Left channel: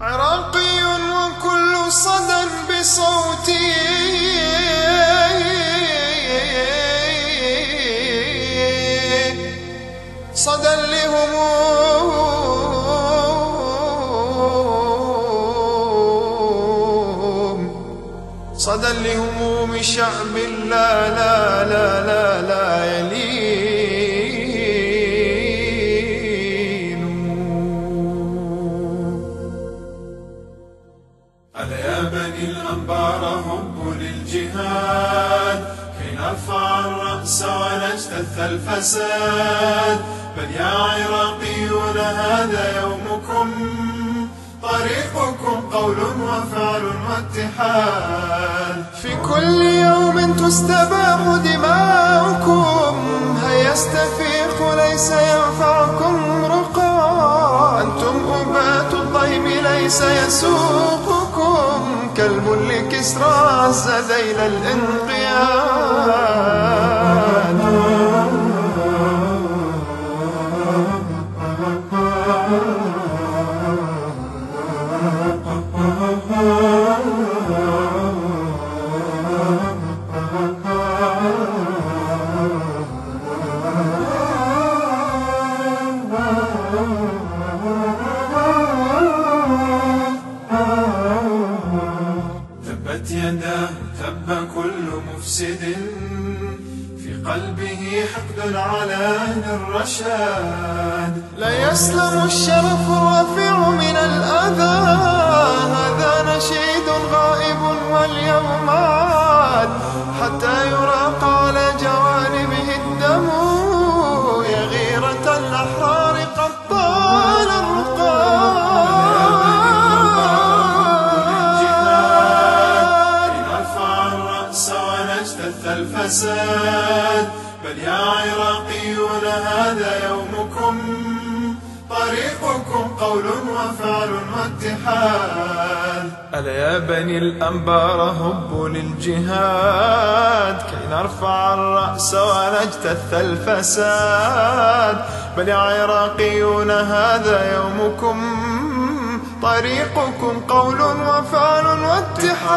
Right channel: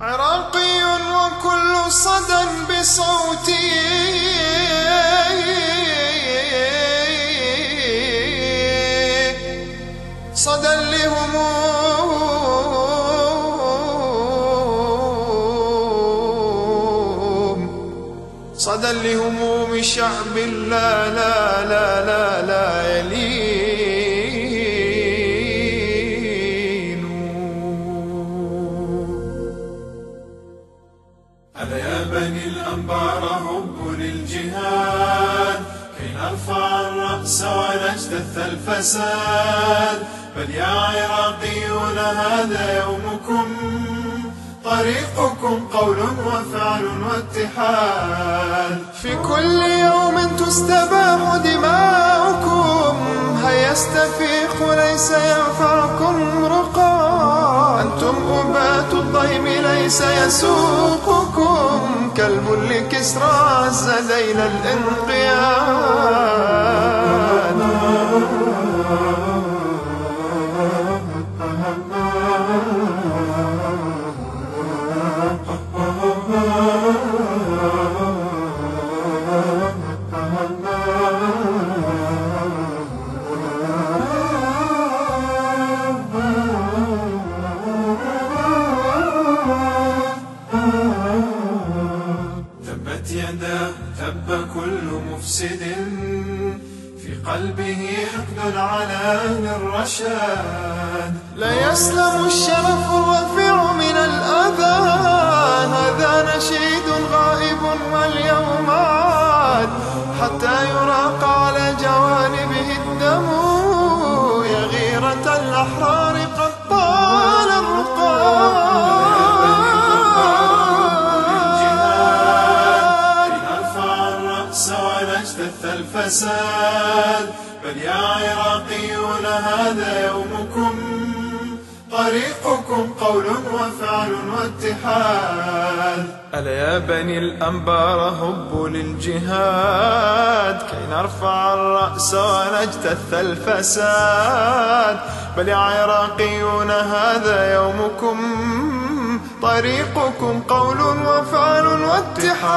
عراقي وكل صدى بصوتي صدى لهموم، صدى لهموم شعب لا لا لا لا لا يلين. ألا يا بني الأنبار هبوا للجهاد كي نرفع الرأس ونجتث الفساد. بل يا عراقيون هذا يومكم، طريقكم قول وفعل واتحاد. في كل يوم تستباح دماؤكم، هيا استفيقوا ليس ينفعكم رقاد. أنتم أبات الضيم ليس يسوقكم، كلب لكسرى عز ذيل الانقياد. تبت يداه تب كل مفسد، في قلبه حقد على أهل الرشاد. لا يسلم الشرف الرفيع من الأذى، هذا نشيد غائب واليوم عاد. حتى يراق على جوانبه الدم، يا غيرة الأحرار قد طال الرقاد. لنرفع الرأس ونجتث الفساد. بل يا عراقيون هذا يومكم، طريقكم قول وفعل واتحاد. ألا يا بني الأنبار هبوا للجهاد كي نرفع الرأس ونجتث الفساد. بل يا عراقيون هذا يومكم، طريقكم قول وفعل واتحاد.